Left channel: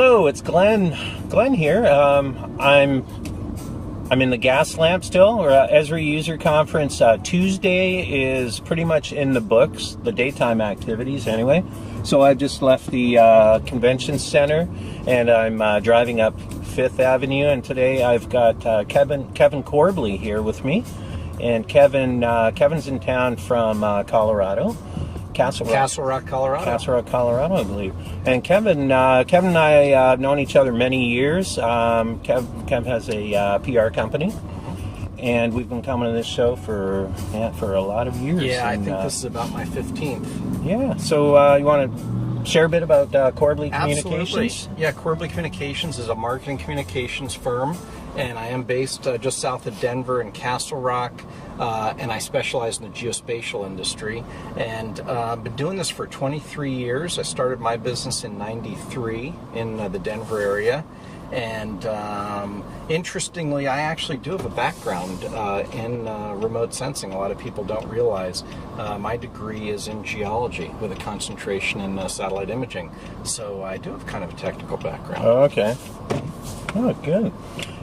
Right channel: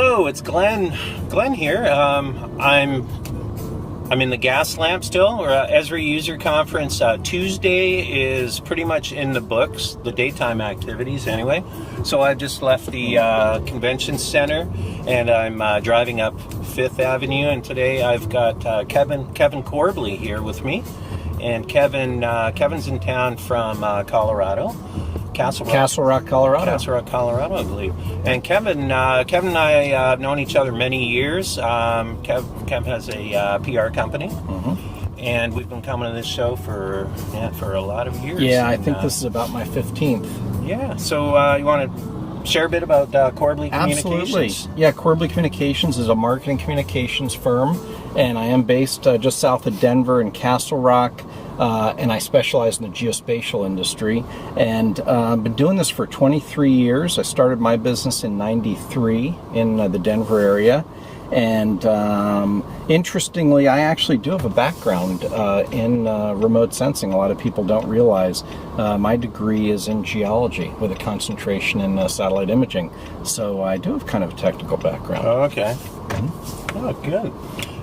Hello, it's Glenn. Glenn here. I'm in the gas lamp still. We're at Esri User Conference. Tuesday is pretty much in the books, the daytime activities anyway. So I just left the convention center and I'm driving up 5th Avenue, and today I've got Kevin Corbley here with me. And Kevin's in town from Colorado. Castle Rock, Colorado, I believe. And Kevin and I have known each other many years. Kevin has a PR company, and we've been coming to this show for a lot of years. Yeah, and, I think this is about my 15th. Yeah, so you want to share a bit about Corbley Communications? Absolutely. Yeah, Corbley Communications is a marketing communications firm, and I am based just south of Denver in Castle Rock. And I specialize in the geospatial industry, and been doing this for 23 years. I started my business in '93 in the Denver area, and interestingly, I actually do have a background in remote sensing. A lot of people don't realize my degree is in geology with a concentration in satellite imaging, so I do have kind of a technical background. Oh, okay. Oh, good.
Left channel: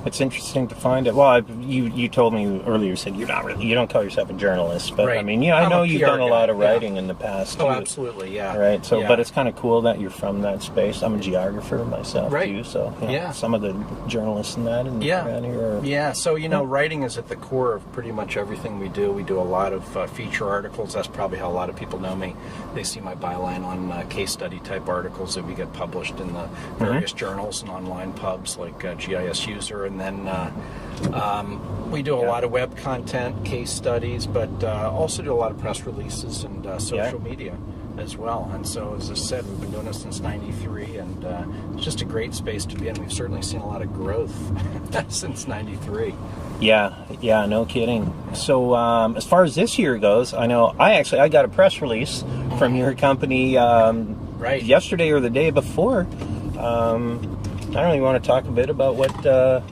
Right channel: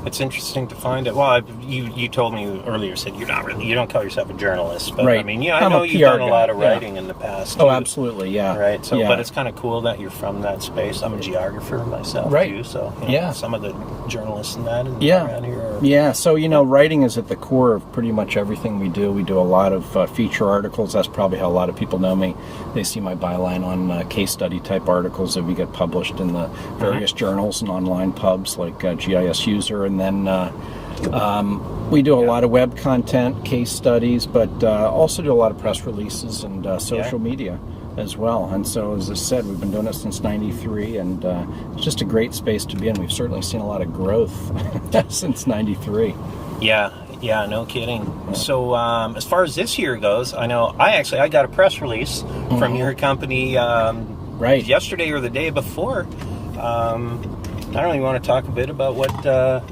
It's interesting to find it. Well, you told me earlier, said you don't call yourself a journalist, but right. I mean, I know you've done a lot of writing in the past. Oh, absolutely, yeah. Right. So, but it's kind of cool that you're from that space. I'm a geographer myself, too. So, some of the journalists in that around here. Yeah. So, writing is at the core of pretty much everything we do. We do a lot of feature articles. That's probably how a lot of people know me. They see my byline on case study type articles that we get published in the various journals and online pubs like GIS User. And then we do a lot of web content, case studies, but also do a lot of press releases and social media as well. And so, as I said, we've been doing it since '93, and it's just a great space to be in. We've certainly seen a lot of growth since '93. Yeah, no kidding. So, as far as this year goes, I know I got a press release from your company yesterday or the day before. I don't even want to talk a bit about what that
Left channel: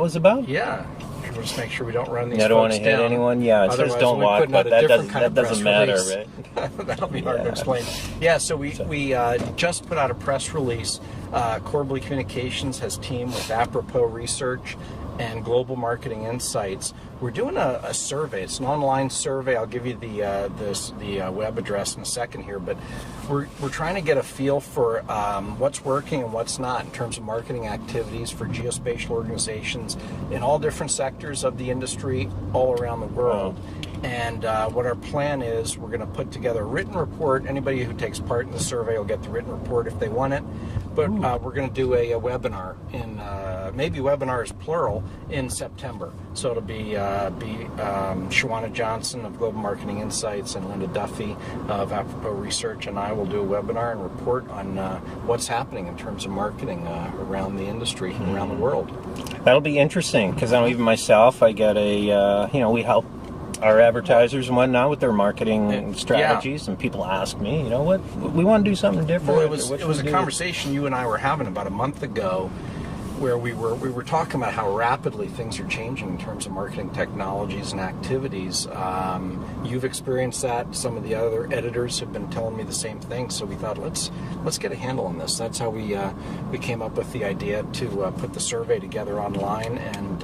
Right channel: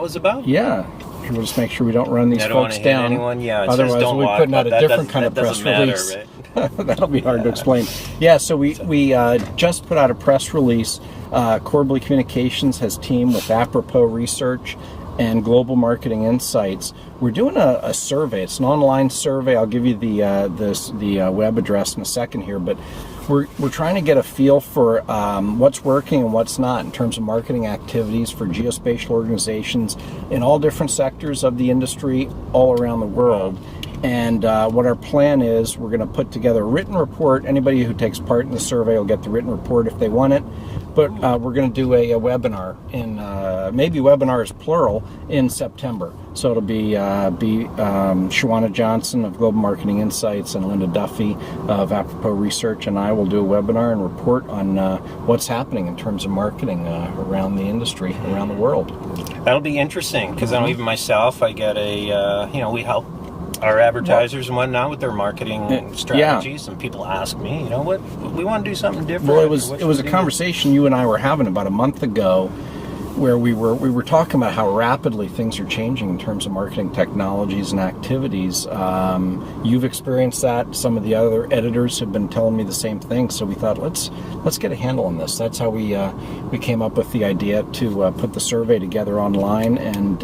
was about. Yeah. We'll just make sure we don't run these folks down. I don't want to hit anyone. Yeah, otherwise don't we'll be putting out a different kind of press release. Right? That'll be hard to explain. Yeah, so we just put out a press release. Corbley Communications has teamed with Apropos Research and Global Marketing Insights. We're doing a survey. It's an online survey. I'll give you the web address in a second here, but we're trying to get a feel for what's working and what's not in terms of marketing activities for geospatial organizations in all different sectors of the industry all around the world. And what our plan is, we're going to put together a written report. Anybody who takes part in the survey will get the written report if they want it. But we're going to do a webinar in maybe webinars plural in September. So it'll be Shawana Johnson of Global Marketing Insights and Linda Duffy of Apropos Research, and I will do a webinar and report on what's happening in terms of marketing around the industry, around the world. That'll be interesting because I know even myself, I get we help our advertisers and whatnot with their marketing strategies, and people ask me, what we want to do something different. Well, it was a conversation you and I were having about a month ago, where we were talking about how rapidly things are changing in terms of marketing technologies and activities. You've experienced that. Some of the other editors have been telling me the same thing. So we thought, let's get a handle on this. That's how we came up with the idea to put the survey together online. And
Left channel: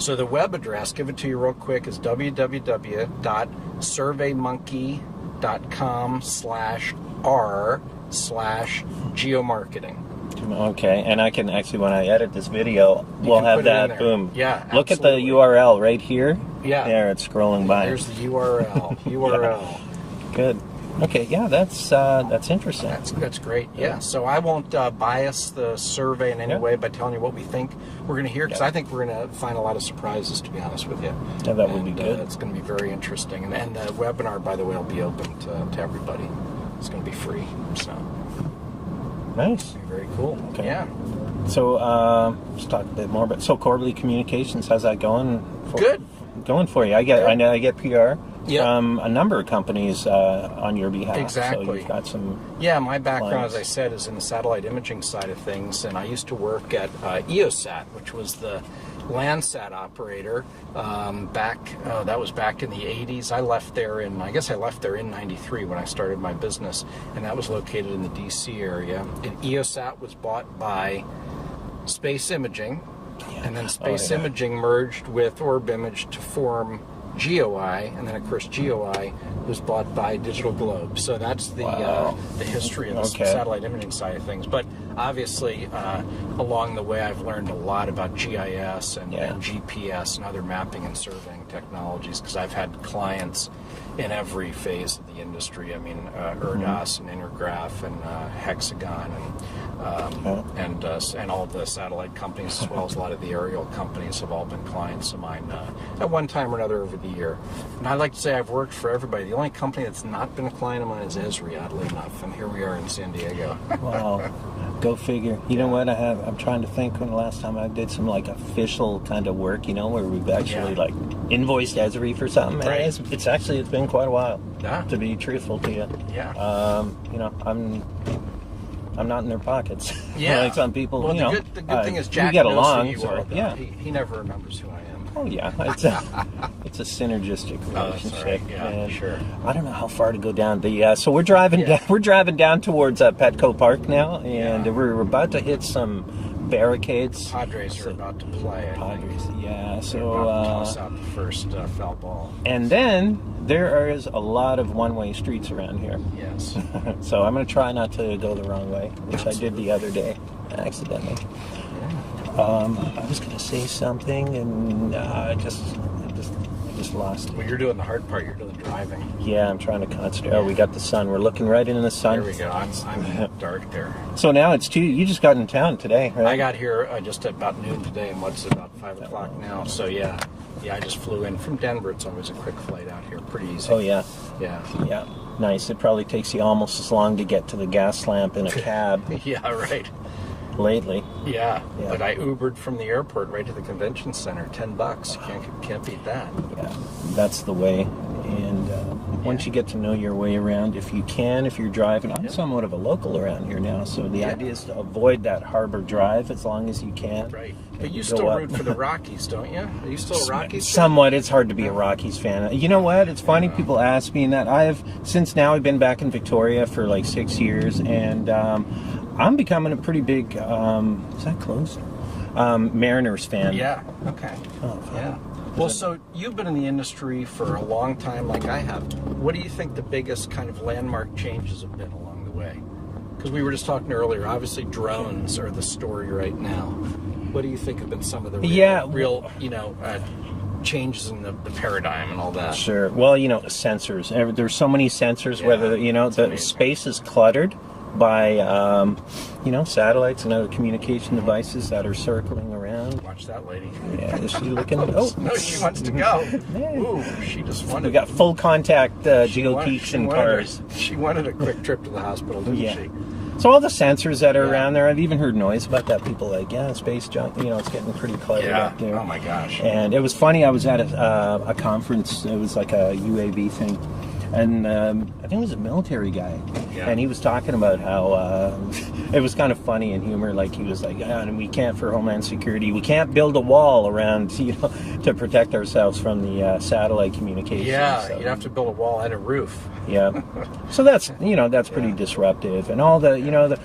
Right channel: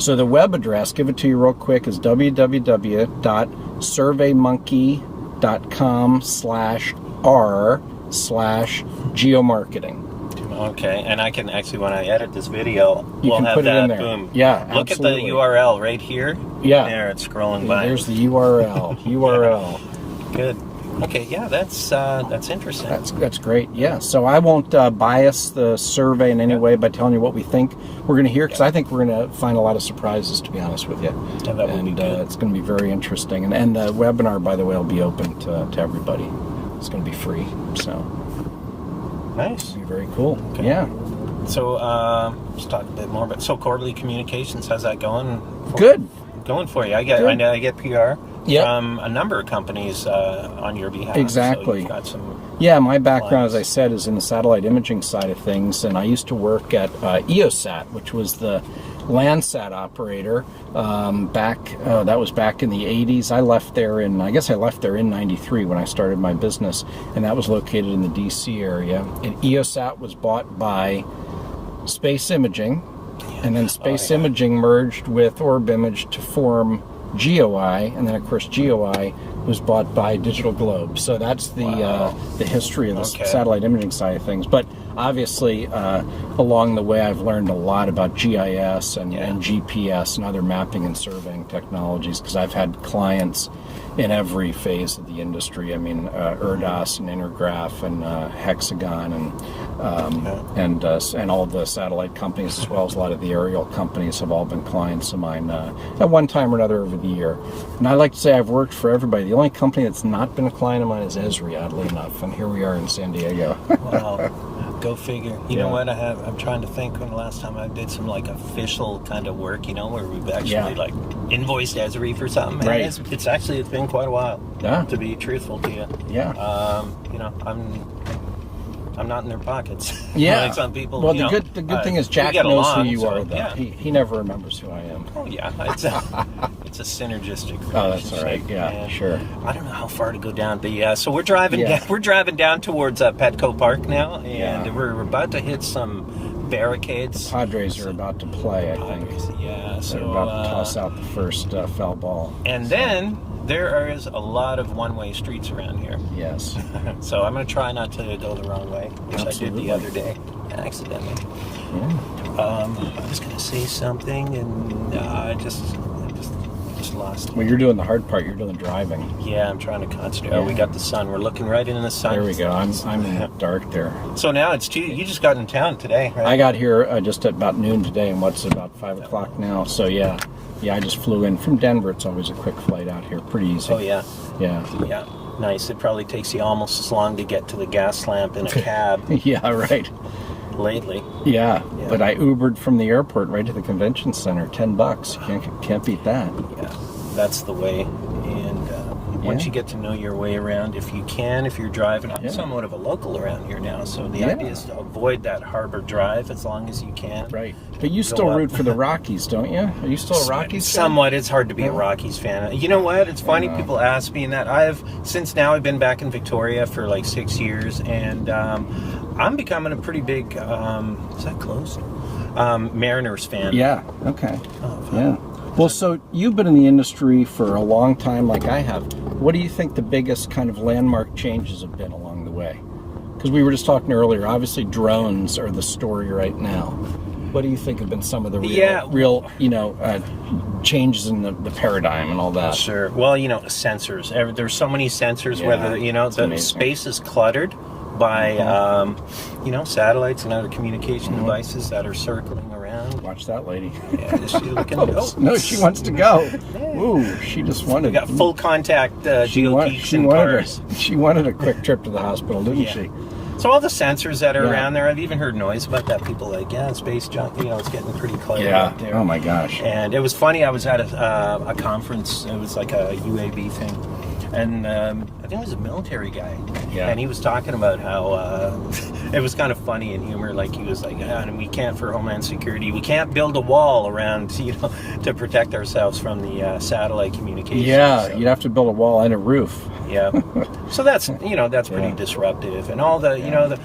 so the web address, give it to you real quick, is www.surveymonkey.com/r/geomarketing. Okay, and I can actually, when I edit this video, we'll have that. Boom. Yeah, look absolutely. At the URL right here. Yeah. There, it's scrolling by. There's the URL. URL. Good. Okay, yeah, that's interesting. That's great. Yeah. So I won't bias the survey in any way by telling you what we think we're going to hear, because I think we're going to find a lot of surprises, to be honest with you. Yeah, that would be good. It's going to be very interesting. And the webinar, by the way, will be open to everybody. It's going to be free. So. Nice. Very cool. Okay. Yeah. So let's talk a bit more about Corbley Communications. How's that going? Good. Going for you. I get PR from a number of companies on your behalf. Exactly. So you've got some. Yeah, my background, as I said, is in the satellite imaging side of things, and I used to work at EOSat, which was the Landsat operator that was back in the 80s. I left there in 93 when I started my business, and that was located in the DC area. And EOSat was bought by Space Imaging, and then Space Imaging merged with Orb Image to form GeoEye, and then of course GeoEye was bought by Digital Globe. So that's the history of the satellite imaging side of things. But obviously, along the way, I've learned a lot about GIS and GPS and other mapping and surveying technologies, because I've had clients in every phase of the industry. I mean, ERDAS and Intergraph and Hexagon and all the satellite companies, as well as a lot of the aerial companies, have all been clients of mine at one time or another over the year. And I like to say I've worked for everybody. The only company that's not been a client of mine is Esri, oddly enough, and here we are in San Diego. Wow. Go figure. You know what? I'm trying to think when the last time I did some like official kind of work, where we've actually like invoiced Esri for something. Right. It's been quite a while. Yeah. To be truthful to you. Yeah. I'm not in their pockets. Yeah. Like some people. Well, the good thing is Jack knows who you are. Though. He never remembers who I am. Oh yeah, it's a synergistic relationship. Oh, that's all right. Yeah, and sure. I don't know how far to go down, but so we're driving. We're driving down towards Petco Park now, and we're about to hit some barricades. Padres are about to play. I think. Yeah, so they're about to toss out the first foul ball. And then there is a lot of one-way streets around here. Yes. So I'm going to try not to go the wrong way, which I did the other day, accidentally. Yeah. I was going to say something, and I just lost it. Well, you're doing the hard part. You're doing the driving. Yeah, I'm trying to concentrate. Oh, we got the sun. We're looking right into the sun. There we go. I'm in the dark there. So now it's 2. You just got in town today, right? I got here just at about noon today, and what's it, about 5 o'clock now. So yeah, I just flew in from Denver. It's always a quick flight out here. Pretty easy. Oh yeah. Yeah. Nice. It probably takes you almost as long to get to the gas lamp in a cab. Yeah, right. Lately. Yeah, but I Ubered from the airport right to the convention center. $10. Can't beat that. Yeah, that's the way. And once you get to know your way around, if you're driving, I'm somewhat of a local around here now, so the idea is to avoid that harbor drive as long as you can. Right. But you still root for the Rockies, don't you? Are you still a Rockies fan? Somewhat. It's hard to be a Rockies fan. You know what? It's funny people ask me that. I've been back in Victoria for like 6 years, and I'm becoming a pretty big, is that close? Mariners fan. Yeah, okay. Oh, yeah. Well, so you've been in the industry for a long time like I have. What do you think the biggest kind of landmark changes have been along the way? Because we were just talking earlier, obviously drones are the story right now. What do you think have been some of the real changes in the paradigm and all that? Sure. Well, sensors. There's so many sensors, whether, the space is cluttered by, satellites and other communication devices that are circling around. Watch that lady. Yeah, is she looking? Oh, no, she wants to go. Ooh, she just wanted. We got full contact GeoGeeks in cars. She wanted a quick trip to the hospital, didn't she? So all the sensors that are around there, I've even heard noise about that. People like, space junk, it's getting pretty cluttered out there. Oh my gosh. And it was funny, I was at a conference, it was like a UAV thing, and I think it was a military guy, and he was talking about how it was kind of funny and humor, like he was like, and we can't, for Homeland Security, we can't build a wall around, to protect ourselves from the satellite communication. Yeah, so you'd have to build a wall and a roof. Yeah, so that's pretty disruptive, and all the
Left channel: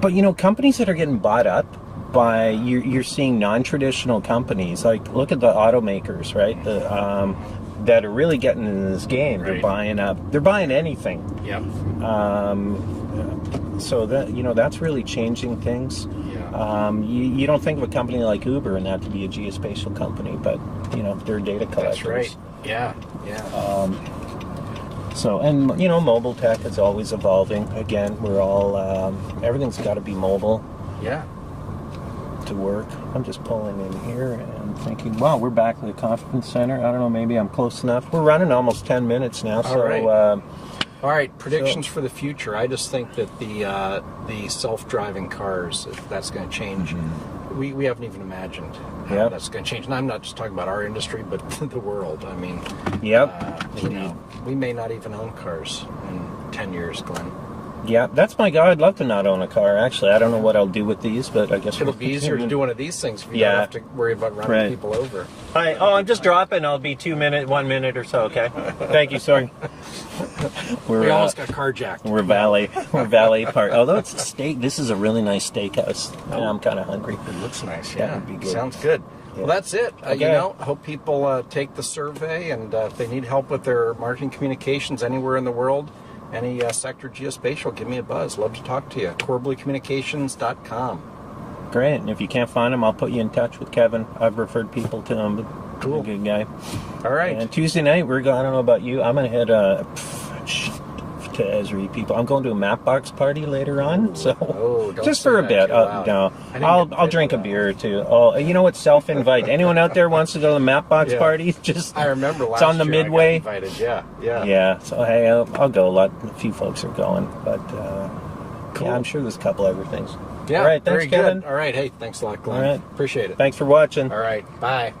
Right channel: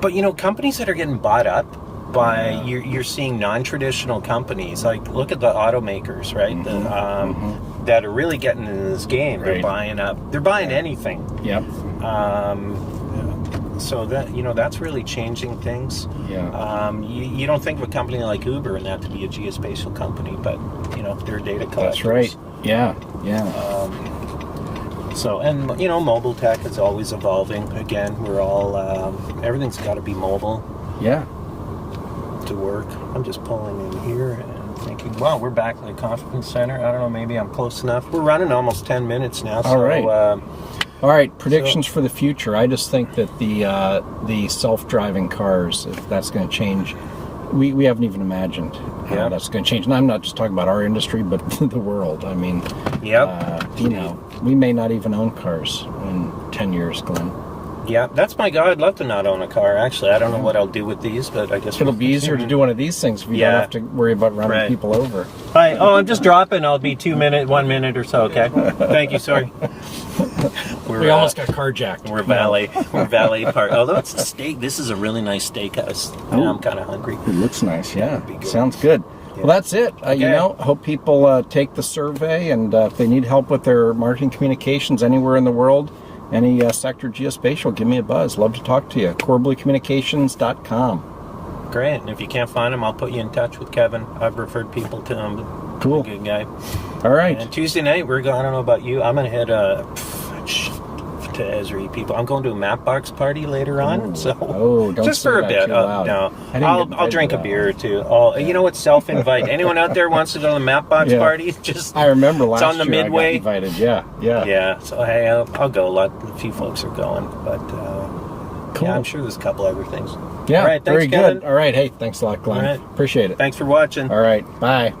but companies that are getting bought up by you're seeing non-traditional companies, like look at the automakers, right? That are really getting into this game. Right. They're buying anything. Yep. So that that's really changing things. Yeah. You don't think of a company like Uber and that to be a geospatial company, but they're data collectors. That's right. Yeah. Yeah. So, and mobile tech is always evolving. Again, we're all everything's got to be mobile. Yeah. To work. I'm just pulling in here and thinking, well, we're back at the conference center. I don't know, maybe I'm close enough. We're running almost 10 minutes now. All right. All right, predictions for the future. I just think that the self-driving cars, if that's going to change, we haven't even imagined how that's going to change. And I'm not just talking about our industry, but the world. I mean, we may not even own cars in 10 years, Glenn. Yeah, that's my goal. I'd love to not own a car, actually. I don't know what I'll do with these, but I guess It'll be easier to do one of these things if you don't have to worry about running people over. Hi. Oh, I'm just dropping. I'll be 1 minute or so, okay? Thank you, sorry. We almost got carjacked. We're valet park. Although it's a steak, this is a really nice steakhouse. I'm kind of hungry. It looks nice, yeah. Sounds good. Well, that's it. You know, hope people take the survey, and if they need help with their marketing communications anywhere in the world, any sector geospatial, give me a buzz. Love to talk to you. CorbleyCommunications.com. Great. And if you can't find him, I'll put you in touch with Kevin. I've referred people to him. Cool. He's a good guy. All right. And Tuesday night, we're going, I don't know about you, I'm going to head to Esri people. I'm going to a Mapbox party later on. So don't just for a bit. No, I'll drink a beer or two. You know what? Self-invite. Anyone out there wants to go to the Mapbox party? I remember last year. It's on the Midway. I got invited. Yeah. Yeah. So hey, I'll go. A few folks are going, but cool. Yeah, I'm sure there's a couple other things. Yeah. All right. Thanks, very Kevin. good. All right. Hey, thanks a lot, Glenn. All right. Appreciate it. Thanks for watching. All right. Bye.